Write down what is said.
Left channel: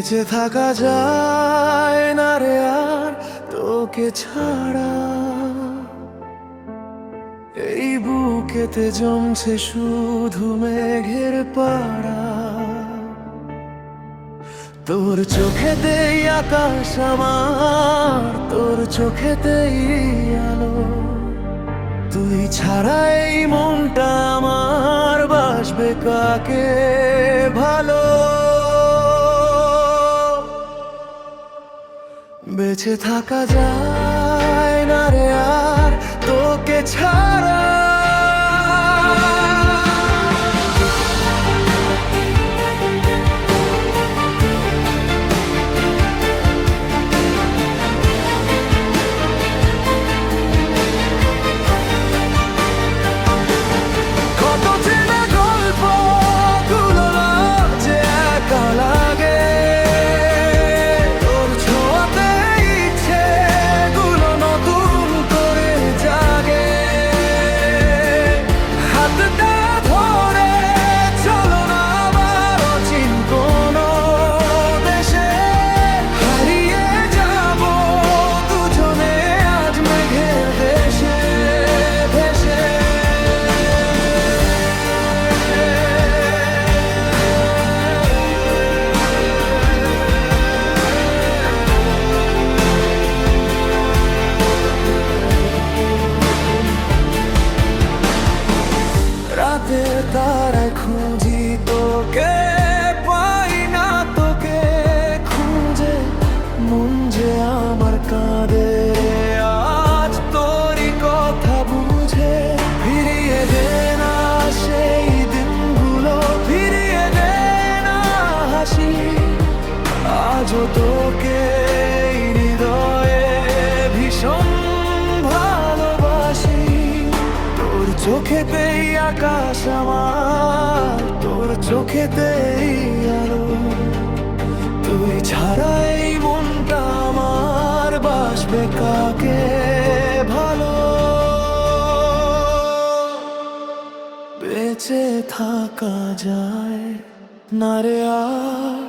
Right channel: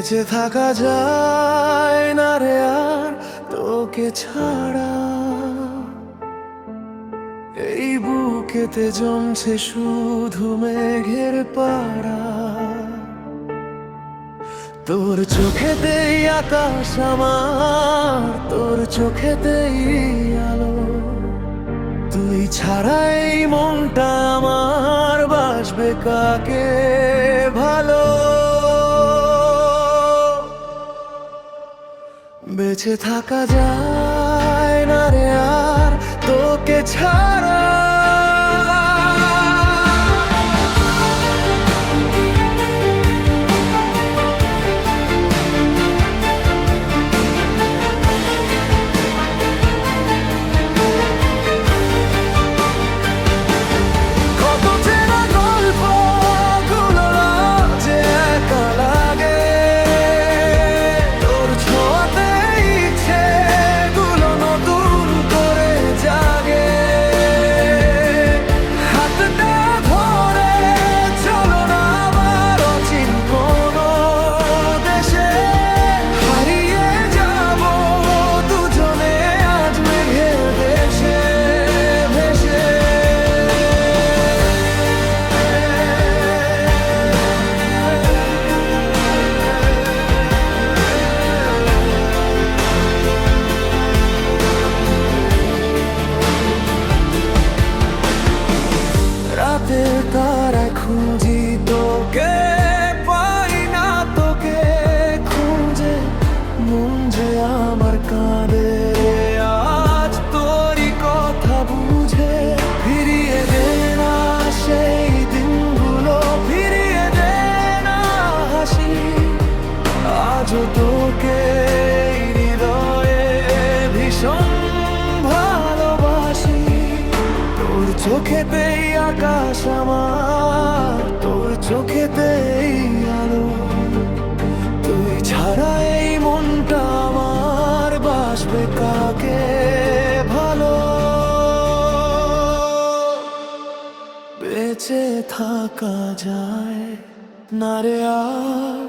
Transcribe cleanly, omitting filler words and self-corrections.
বেঁচে থাকা যায় না রে আর তোকে ছাড়া। এই বুকেতে জমছে শুধু মেঘের পাড়া। তোর চোখেতেই আকাশ আমার, তোর চোখেতেই আলো। তুই ছাড়া এই মনটা আমার বাসবে কাকে ভালো। বেঁচে থাকা যায় না রে আর তোকে ছাড়া। কত চেনা গল্প গুলো যে একা লাগে, তোর ছোঁয়াতে ইচ্ছে গুলো নতুন করে জাগে। হাতটা ধরে চলো না আবার অচিন কোনো দেশে, হারিয়ে যাব দুজনে আজ মেঘের দেশে ভেসে। রাতের তারায় খুঁজি তোকে, পাই না তোকে খুঁজে। মন যে আমার কাঁদে আজ তোরই কথা বুঝে। ফিরিয়ে দে না সেই দিনগুলো, ফিরিয়ে দে না হাসি। আজও তোকে এই হৃদয়ে ভীষণ ভালোবাসি। তোর চোখেতেই আকাশ আমার, তোর চোখেতেই আলো। তুই ছাড়া এই মনটা আমার বাসবে কাকে ভালো। বেঁচে থাকা যায় না রে আর